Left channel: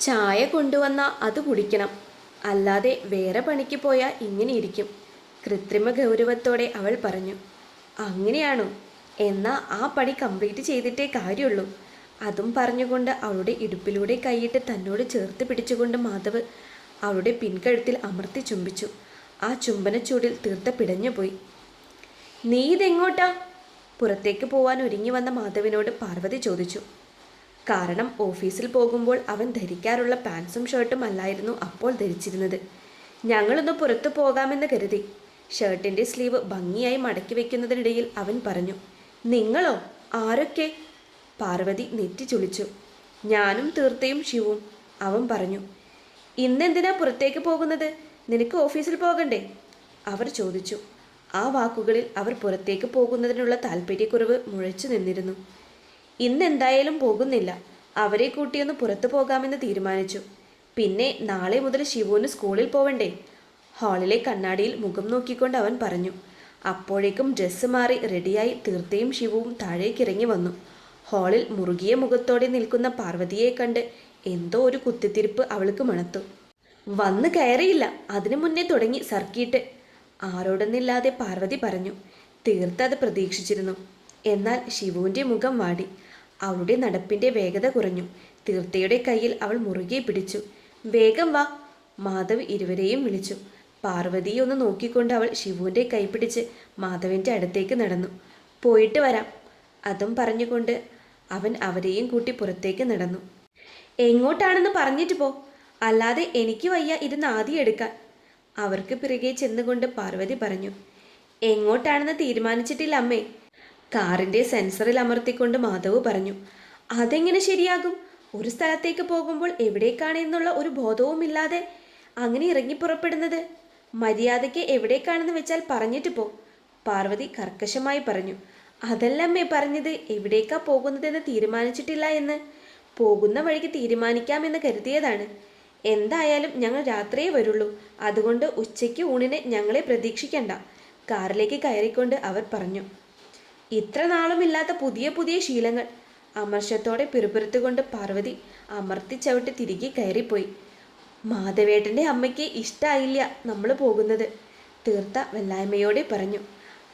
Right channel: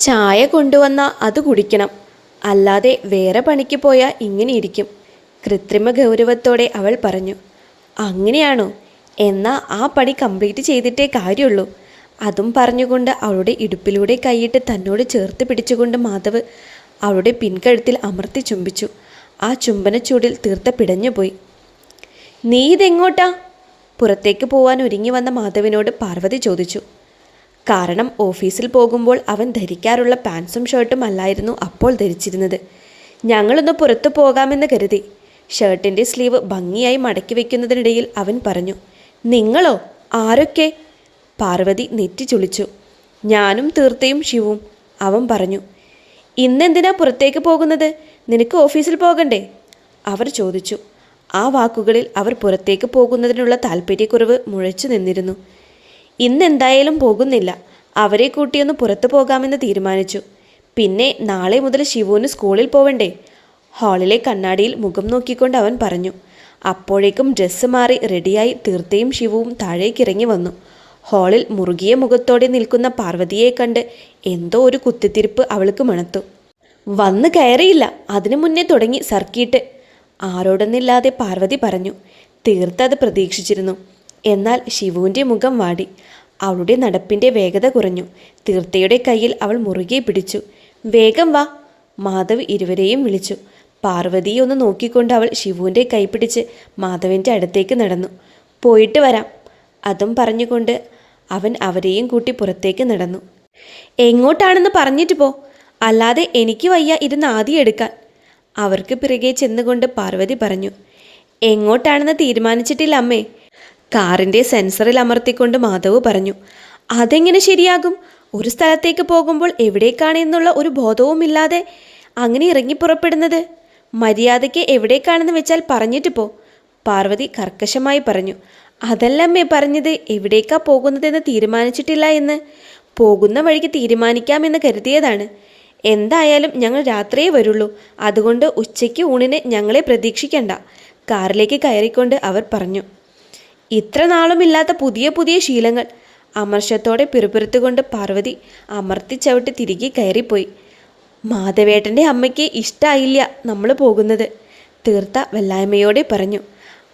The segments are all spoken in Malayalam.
ചായ കൊണ്ടുവന്ന അത് കുടിക്കണം. അല്ലാതെ വേറെ പണിക്ക് പോയാൽ ഇങ്ങനെ ഇരിക്കും. കൃത്രിമ ഗൗരവത്തോടെ അവൾ പറഞ്ഞു അങ്ങനെയാണോ? എന്നാൽ ആ പണി കംപ്ലീറ്റ് ചെയ്തിട്ടേ കാര്യമുള്ളൂ. അതും പറഞ്ഞുകൊണ്ട് അവളുടെ ഇടുപ്പിലൂടെ കൈയിട്ട് തന്നോട് ചേർത്ത് പിടിച്ചുകൊണ്ട് മാധവ് അവളുടെ പിൻകഴുത്തിൽ അമർത്തി ചുംബിച്ചു. ആ ചുംബനച്ചൂടിൽ തീർത്ത പിടഞ്ഞുപോയി നീ ഇതെങ്ങോട്ടാ? പുറത്തേക്ക് പോവാൻ ഒരുങ്ങി വന്ന മാധവിനോട് പാർവതി ചോദിച്ചു. കാരണം ഓഫീസിൽ പോകുമ്പോൾ അവൻ ധരിക്കാറുള്ള പാൻസും ഷർട്ടും അല്ലായിരുന്നു അപ്പോൾ ധരിച്ചിരുന്നത്. ഞങ്ങളൊന്ന് പുറത്തു പോകാമെന്ന് കരുതി. ഷർട്ടിന്റെ സ്ലീവ് ഭംഗിയായി മടക്കി വെക്കുന്നതിനിടയിൽ അവൻ പറഞ്ഞു നിങ്ങളോ? ആരൊക്കെ? പാർവതി നെറ്റി ചുളിച്ചു. ഞാനും തീർത്തയും ശിവും അവൻ പറഞ്ഞു. ഇന്നെന്തിനാ പുറത്തേക്ക് പോകുന്നത്? നിനക്ക് ഓഫീസിൽ പോകണ്ടേ? അവർ ചോദിച്ചു. ആ വാക്കുകളിൽ അവർ പുറത്തേക്ക് പോകുന്നതിനുള്ള താല്പര്യക്കുറവ് മുഴച്ചു നിന്നിരുന്നു. ഇന്നെന്തായാലും പോകുന്നില്ല. അവരെ കൂട്ടിയൊന്ന് പുറത്തു പോകാമെന്ന് തീരുമാനിച്ചു. പിന്നെ നാളെ മുതൽ ശിവുവിന് സ്കൂളിൽ പോവണ്ടേ? ഹാളിലെ കണ്ണാടിയിൽ മുഖം നോക്കിക്കൊണ്ട് അവൻ പറഞ്ഞു. അപ്പോഴേക്കും ഡ്രസ്സ് മാറി റെഡിയായി തീർത്തയും ശിവുവും താഴേക്കിറങ്ങി വന്നു. ഹാളിൽ മുറുകിയ മുഖത്തോടെ നിൽക്കുന്ന പാർവതിയെ കണ്ട് എന്തോ ഒരു കുത്തിത്തിരിപ്പ് അവൾക്ക് മണത്തു. വന്ന് കയറിയില്ല. അതിനു മുന്നേ തുടങ്ങി സർക്കിട്ട്. ആരോടൊന്നില്ലാതെ പാർവതി പറഞ്ഞു. തീർത്ത് അത് പ്രതീക്ഷിച്ചിരുന്നു. എന്നാൽ ശിവുവിന്റെ മുഖം വാടി. അവളുടെ നടപ്പിന്റെ വേഗത കുറഞ്ഞു. തീർത്ഥയുടെ കയ്യിൽ അവൾ മുറുകെ പിടിച്ചു. വേഗം വാ. മാധവ് ഇരുവരെയും വിളിച്ചു. പാർവതിയെ ഒന്ന് നോക്കിക്കൊണ്ട് അവൾ ശിവുവിന്റെ കൈ പിടിച്ച് മാധവന്റെ അടുത്തേക്ക് നടന്നു. പോയിട്ട് വരാം. അതും പറഞ്ഞുകൊണ്ട് അവൻ അവരെയും കൂട്ടി പുറത്തേക്ക് നടന്നു. എങ്ങോട്ടാണെന്ന് പറഞ്ഞിട്ട് പോ. അല്ലാതെ എനിക്ക് വയ്യ ഇരുന്ന് ആദ്യം എടുക്കാൻ. അവർക്ക് പിറകെ ചെന്നുകൊണ്ട് പാർവതി പറഞ്ഞു. എങ്ങോട്ടാണെന്ന് തീരുമാനിച്ചിട്ടില്ല അമ്മേ. കാറിന്റെ സെൻസറിൽ അമർത്തിക്കൊണ്ട് മാധവ് പറഞ്ഞു അതെങ്ങനെ ശരിയാകും? ഒരു സ്ഥലത്തേക്ക് പോകുമ്പോൾ എവിടേക്കാണ് എന്നുള്ള ഒരു ബോധവുമില്ലാതെ അങ്ങനെ ഇറങ്ങി പുറപ്പെടുന്നത്. മര്യാദയ്ക്ക് എവിടേക്കാണെന്ന് വെച്ചാൽ പറഞ്ഞിട്ട് പോ പാർവതി കർക്കശമായി പറഞ്ഞു. അതല്ലമ്മേ പറഞ്ഞത് എവിടേക്കാ പോകുന്നതെന്ന് തീരുമാനിച്ചിട്ടില്ല എന്ന്. പോകുന്ന വഴിക്ക് തീരുമാനിക്കാമെന്ന് കരുതിയതാണ്. എന്തായാലും ഞങ്ങൾ രാത്രിയേ വരുള്ളൂ. അതുകൊണ്ട് ഉച്ചയ്ക്ക് ഊണിന് ഞങ്ങളെ പ്രതീക്ഷിക്കണ്ട കാറിലേക്ക് കയറിക്കൊണ്ട് അവർ പറഞ്ഞു. ഇത്ര നാളുമില്ലാത്ത പുതിയ പുതിയ ശീലങ്ങൾ. അമർഷത്തോടെ പിറുപിറുത്തുകൊണ്ട് പാർവതി അമർത്തി ചവിട്ടി തിരികെ കയറിപ്പോയി. മാധവേട്ടന്റെ അമ്മയ്ക്ക് ഇഷ്ടമായില്ല നമ്മൾ പോകുന്നത്. തീർത്ത വല്ലായ്മയോടെ പറഞ്ഞു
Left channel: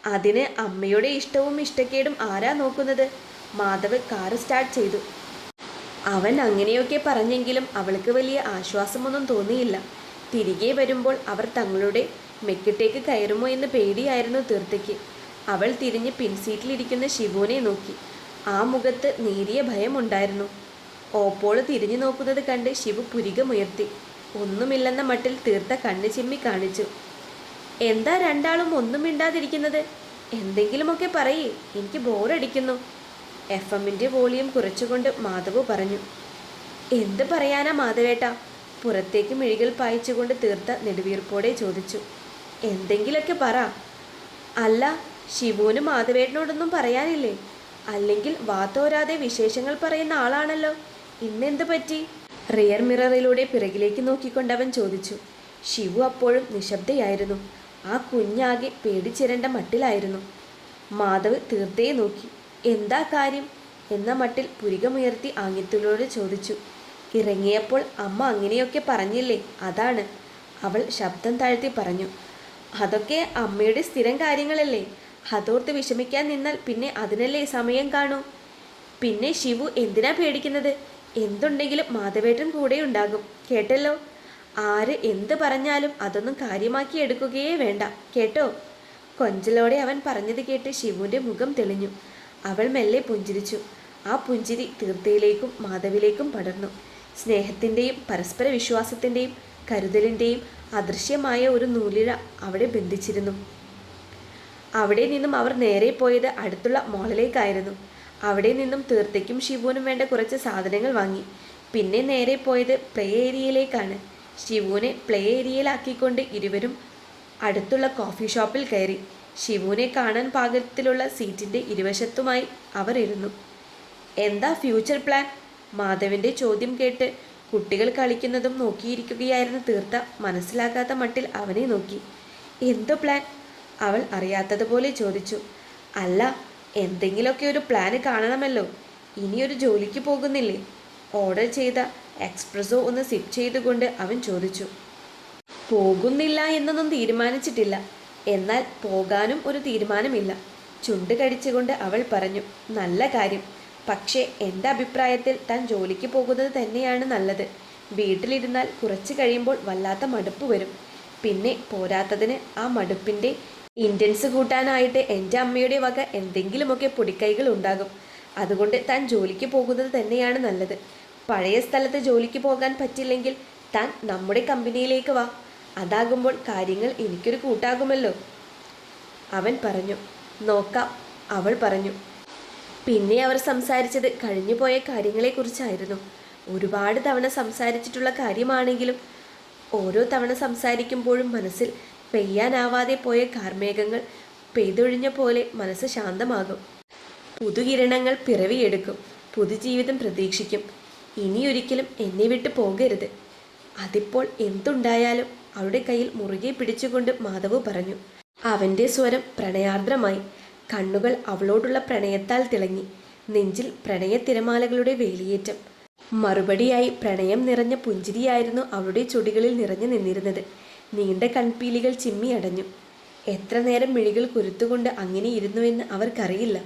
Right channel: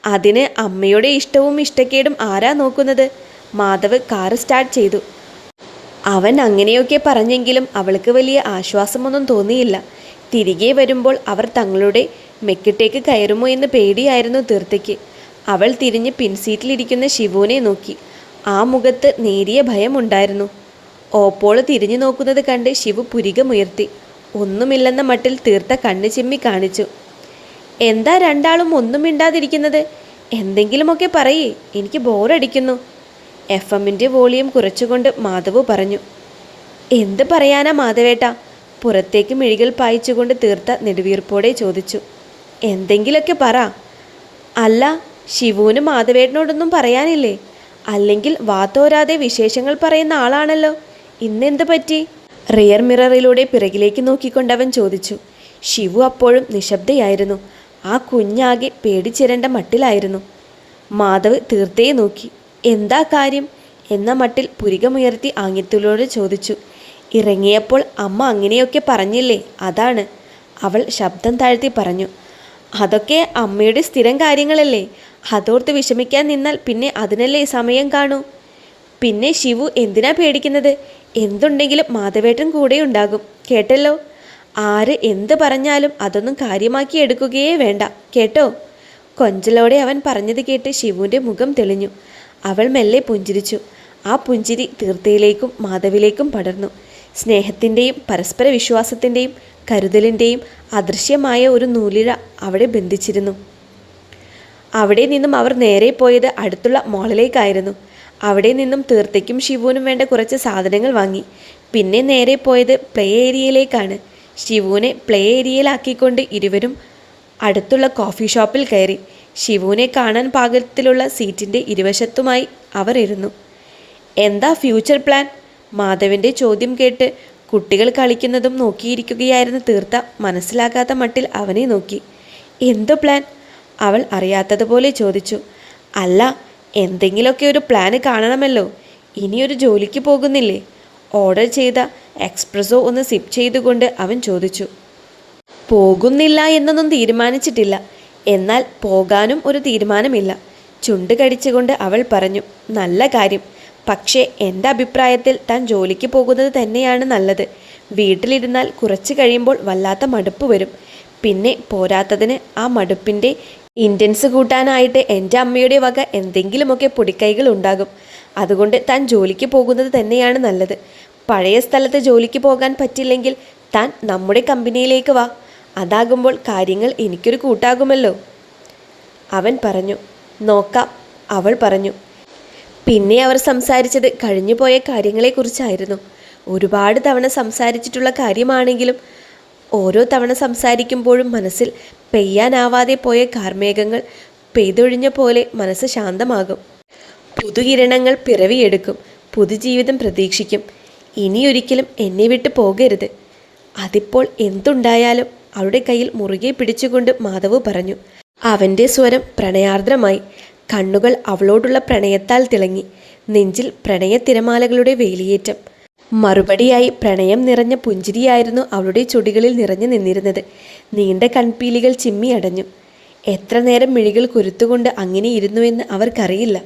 അതിന് അമ്മയുടെ ഇഷ്ടവും ഇഷ്ടക്കേടും ആരാ നോക്കുന്നത്? മാധവ് കാറ് സ്റ്റാർട്ട് ചെയ്തു. അവൻ അങ്ങനെയൊക്കെ പറഞ്ഞെങ്കിലും അവൾക്ക് വലിയ ആശ്വാസമൊന്നും തോന്നിയില്ല. തിരികെ വരുമ്പോൾ അവർ തങ്ങളുടെ മെക്കിട്ടേക്ക് കയറുമോ എന്ന് പേടിയായിരുന്നു തീർത്തയ്ക്ക്. അവൾ തിരിഞ്ഞ് പിൻസീറ്റിലിരിക്കുന്ന ശിവുവിനെ നോക്കി. ആ മുഖത്ത് നേരിയ ഭയമുണ്ടായിരുന്നു. ഓപ്പോൾ തിരിഞ്ഞു നോക്കുന്നത് കണ്ട് ശിവു പുരികമുയർത്തി. ഒന്നുമില്ലെന്ന മട്ടിൽ തീർത്ത കണ്ണു ചിമ്മി കാണിച്ചു. എന്താ രണ്ടാളും ഒന്നും മിണ്ടാതിരിക്കുന്നത്? എന്തെങ്കിലുമൊക്കെ പറയേ. എനിക്ക് ബോറടിക്കുന്നു. എഫ് എമ്മിന്റെ വോളിയം കുറച്ചുകൊണ്ട് മാധവ് പറഞ്ഞു. എന്ത് പറയാനാ മാധവേട്ട? പുറത്തേക്ക് മിഴികൾ പായിച്ചുകൊണ്ട് തീർത്ത നെടുവീർപ്പോടെ ചോദിച്ചു. എന്തെങ്കിലൊക്കെ പറ. അല്ല ശിവുവിന് മാധവേട്ടനോടൊന്നും പറയാനില്ലേ? അല്ലെങ്കിൽ വാത്തോരാതെ വിശേഷങ്ങൾ പറയുന്ന ആളാണല്ലോ. ഇന്നെന്ത് പറ്റി? റിയർ മിററിലൂടെ പിറകിലേക്ക് നോക്കിക്കൊണ്ടവൻ ചോദിച്ചു. ശിവു അപ്പോഴും നിശബ്ദയായിരുന്നു. ആ കുഞ്ഞാകെ പേടിച്ചിരണ്ട മട്ടിലായിരുന്നു. മാധവ് തീർത്തേ നോക്കി. എന്താ കാര്യം? എന്ന മട്ടിൽ പുരികമുയർത്തി ആംഗ്യത്തിലൂടെ ചോദിച്ചു. ഇറങ്ങിയപ്പോൾ അമ്മ അങ്ങനെയൊക്കെ പറഞ്ഞില്ലേ? അതാണ്. അവൾ ശബ്ദം താഴ്ത്തി പറഞ്ഞു. അതൊക്കെ അമ്മയുടെ സ്ഥിരം കാര്യങ്ങളല്ലേ? അതോർത്ത് വിഷമിക്കാൻ നിന്നാൽ പിന്നെ അതിനല്ലേ സമയം കാണൂ. പിന്നെ ശിവു എന്തിനാ പേടിക്കുന്നത്? എന്തുണ്ടെങ്കിലും മാധവേട്ടൻ കൂടെ ഉണ്ടാകും. കേട്ടല്ലോ? ആര് എന്ത് പറഞ്ഞാലും അതൊന്നും കാര്യമാക്കി എടുക്കുകയേ വേണ്ട. കേട്ടോ? കൊഞ്ചലോടെ അവൻ പറഞ്ഞത് കേട്ട് ശിവുവിന്റെ മുഖം തെളിഞ്ഞു. അവൾ മെല്ലെ പുഞ്ചിരിച്ചു. ആ പുഞ്ചിരി തീർത്ഥയിലേക്കും മാധവിലേക്കും പടർന്നു. സ്നേഹത്തിന്റെയും പരസ്പര വിശ്വാസത്തിന്റെയും കരുതലിന്റെയും അദൃശ്യമായ ഒരു നൂലിഴ അവിടെ ബന്ധിച്ചിരുന്നു. അവിടെ നിന്നും അവർ നേരെ പോയത് അടുത്തുള്ള മോളിലേക്കായിരുന്നു. അവിടെ നിന്നും തീർത്തയ്ക്കും ശിവുവിനും വേണ്ട കുറച്ച് സാധനങ്ങൾ വാങ്ങി. പിന്നെ നേരെ പോയത് പ്ലേ ഏരിയയിലേക്കാണ്. ശിവുവിനെ പ്ലേ ഏരിയയിലാക്കിക്കൊണ്ട് ഇരുവരും അടുത്തുള്ള കോഫി ഷോപ്പിൽ കയറി. ശിവുവിനെ കാണാൻ പാകത്തിലുള്ള സീറ്റിന്റെ ഇരുവശത്തുമായി അവർ ഇരുന്നു. എന്താ ഫ്യൂച്ചർ പ്ലാൻ? മാധവന്റെ ചോദ്യം കേട്ട് കുട്ടികൾ കളിക്കുന്നതും നോക്കിയിരിക്കുകയായിരുന്ന തീർത്ത മനസ്സിലാകാത്ത മട്ടിൽ അവനെ നോക്കി. എന്തോ പ്ലാൻ? അവൾ അറിയാത്തതുപോലെ ചോദിച്ചു അല്ല എന്തെങ്കിലുമൊക്കെ ഒരു പ്ലാന് കാണണമല്ലോ. ഇനിയൊരു ജോലിക്ക് പോകുന്നില്ലേ? ഓർഡർ ചെയ്ത എക്സ്പ്രസോ ഒന്ന് സിപ്പ് ചെയ്തുകൊണ്ട് അവൻ ചോദിച്ചു പോകുന്നില്ല എന്നൊന്നും തീരുമാനിച്ചിട്ടില്ല. എന്നാൽ പോകാനും ഒരു തീരുമാനമില്ല. ചുണ്ട് കടിച്ചുകൊണ്ട് അവൾ പറഞ്ഞു നല്ല കാര്യം. പക്ഷേ എന്റെ അഭിപ്രായത്തിൽ താൻ ജോലിക്ക് പോകുന്നത് തന്നെയാണ് നല്ലത്. വീട്ടിലിരുന്നാൽ കുറച്ച് കഴിയുമ്പോൾ വല്ലാത്ത മടുപ്പ് വരും. പിന്നെ പോരാത്തതിന് ആ മടുപ്പിന്റെ ഇന്റൻസ് കൂട്ടാനായിട്ട് എന്റെ അമ്മയുടെ വക എന്തെങ്കിലുമൊക്കെ പൊടിക്കൈകൾ ഉണ്ടാകും. അതുകൊണ്ട് താൻ ജോലിക്ക് പോകുന്നത് തന്നെയാണ് നല്ലത്. പഴയ സ്ഥലത്ത് ജോലിക്ക് പോകാൻ പറ്റില്ലെങ്കിൽ താൻ നമ്മുടെ കമ്പനിയിലേക്ക് വാ. അതാകുമ്പോൾ കാര്യങ്ങൾ എനിക്കൊരു കൂട്ടാകുമല്ലോ. അവൻ പറഞ്ഞു നോക്കാം അവൾ പറഞ്ഞു. പിന്നെ അവർ സംസാരിച്ചത് കഴിഞ്ഞുപോയ കാര്യങ്ങളെക്കുറിച്ചായിരുന്നു. ഒരുപാട് തവണ സംസാരിച്ചിട്ടുള്ള കാര്യമാണെങ്കിലും ഓരോ തവണ സംസാരിക്കുമ്പോഴും മനസ്സിൽ പെയ്യാനാവാതെ പോയ കാർമേഘങ്ങൾ പെയ്തൊഴിഞ്ഞ പോലെ മനസ്സ് ശാന്തമാകും. പുതുകിരണങ്ങൾ പിറവിയെടുക്കും. പുതുജീവിതം പ്രതീക്ഷിക്കും. ഇനിയൊരിക്കലും എന്നെ വിട്ട് പോകരുത്. അതിപ്പോൾ എന്തുണ്ടായാലും അവരുടെ കയ്യിൽ മുറുകെ പിടിച്ചുകൊണ്ട് മാധവ് പറഞ്ഞു. അവന്റെ സ്വരം പ്രണയാർദ്രമായി. കണ്ണുകൾ അവളോടുള്ള പ്രണയത്താൽ തിളങ്ങി. നെഞ്ചിൽ പ്രണയ തിരമാലകളുടെ വേലിയേറ്റം. മറുപടിയായി പ്രണയം നിറഞ്ഞ പുഞ്ചിരിയായിരുന്നു അവളുടെ ചുടികളിൽ നിറഞ്ഞു നിന്നിരുന്നത്. നീണ്ട കൺപീലികൾ ചിമ്മി അടഞ്ഞു. എത്ര നേരം മിഴികൾ കുരുത്തുകൊണ്ട് അങ്ങനെ ഇരുന്നുവെന്ന് അവർക്കറിയില്ല.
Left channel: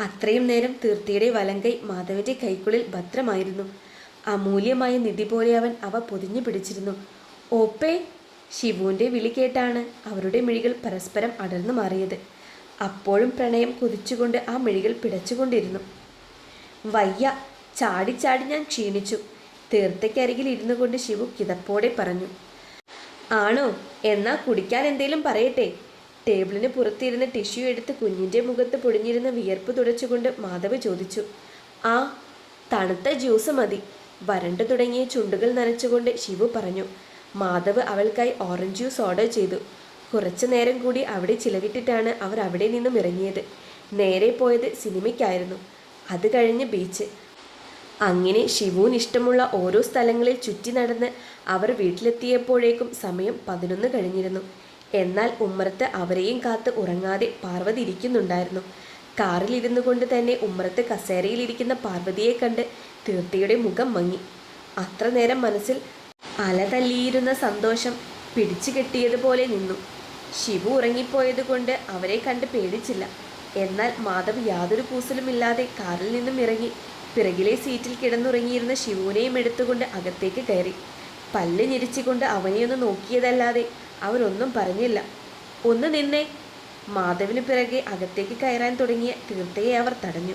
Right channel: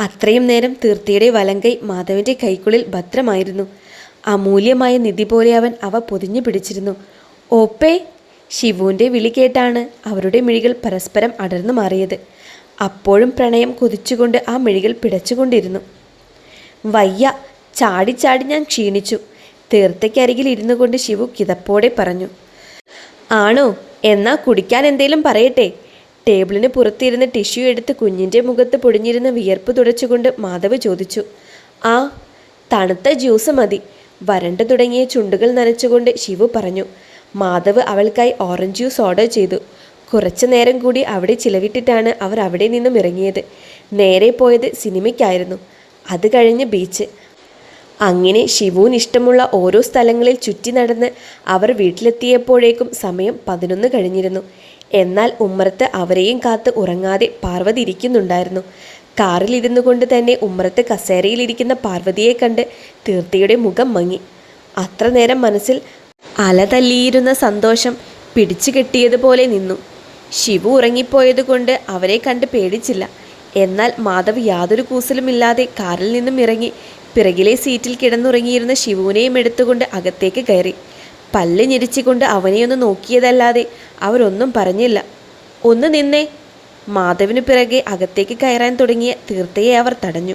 അത്രയും നേരം തീർത്തിയുടെ വലങ്കൈ മാധവന്റെ കൈക്കുള്ളിൽ ഭദ്രമായിരുന്നു. അമൂല്യമായ നിധി പോലെ അവൻ അവ പൊതിഞ്ഞു പിടിച്ചിരുന്നു. ഓപ്പേ ശിവുവിന്റെ വിളി കേട്ടാണ് അവരുടെ മിഴികൾ പരസ്പരം അടർന്നു മാറിയത്. അപ്പോഴും പ്രണയം കൊതിച്ചുകൊണ്ട് ആ മിഴികൾ പിടച്ചുകൊണ്ടിരുന്നു. വയ്യ ചാടി ചാടി ഞാൻ ക്ഷീണിച്ചു. തീർത്തയ്ക്കരികിൽ ഇരുന്നു കൊണ്ട് ശിവു കിതപ്പോടെ പറഞ്ഞു ആണോ? എന്നാ കുടിക്കാൻ എന്തേലും പറയട്ടെ. ടേബിളിന് പുറത്തിരുന്ന് ടിഷ്യൂ എടുത്ത് കുഞ്ഞിന്റെ മുഖത്ത് പൊടിഞ്ഞിരുന്ന വിയർപ്പ് തുടച്ചുകൊണ്ട് മാധവ് ചോദിച്ചു ആ തണുത്ത ജ്യൂസ് മതി. വരണ്ടു തുടങ്ങിയ ചുണ്ടുകൾ നനച്ചുകൊണ്ട് ശിവു പറഞ്ഞു മാധവ് അവൾക്കായി ഓറഞ്ച് ജ്യൂസ് ഓർഡർ ചെയ്തു. കുറച്ചു നേരം കൂടി അവിടെ ചിലവിട്ടിട്ടാണ് അവർ അവിടെ നിന്നും ഇറങ്ങിയത്. നേരെ പോയത് സിനിമയ്ക്കായിരുന്നു. അത് കഴിഞ്ഞ് ബീച്ച്. അങ്ങനെ ശിവുവിന് ഇഷ്ടമുള്ള ഓരോ സ്ഥലങ്ങളിൽ ചുറ്റി നടന്ന് അവർ വീട്ടിലെത്തിയപ്പോഴേക്കും സമയം പതിനൊന്ന് കഴിഞ്ഞിരുന്നു. എന്നാൽ ഉമ്മറത്ത് അവരെയും കാത്ത് ഉറങ്ങാതെ പാർവതി ഇരിക്കുന്നുണ്ടായിരുന്നു. കാറിൽ ഇരുന്നു കൊണ്ട് തന്നെ ഉമ്മറത്ത് കസേരയിലിരിക്കുന്ന പാർവതിയെ കണ്ട് തീർത്തിയുടെ മുഖം മങ്ങി. അത്ര നേരം മനസ്സിൽ അലതല്ലിയിരുന്ന സന്തോഷം പിടിച്ചു കെട്ടിയതുപോലെ നിന്നു. ശിവു ഉറങ്ങിപ്പോയതുകൊണ്ട് അവരെ കണ്ട് പേടിച്ചില്ല. എന്നാൽ മാധവ് യാതൊരു കൂസലുമില്ലാതെ കാറിൽ നിന്നും ഇറങ്ങി പിറകിലെ സീറ്റിൽ കിടന്നുറങ്ങിയിരുന്ന ശിവുവിനെയും എടുത്തുകൊണ്ട് അകത്തേക്ക് കയറി. പല്ല് ഞെരിച്ചുകൊണ്ട് അവനെയൊന്ന് നോക്കിയതല്ലാതെ അവരൊന്നും പറഞ്ഞില്ല. ഒന്ന് നിന്നേ. മാധവിനു പിറകെ അകത്തേക്ക് കയറാൻ തുടങ്ങിയ തീർത്ഥയെ അവർ തടഞ്ഞു.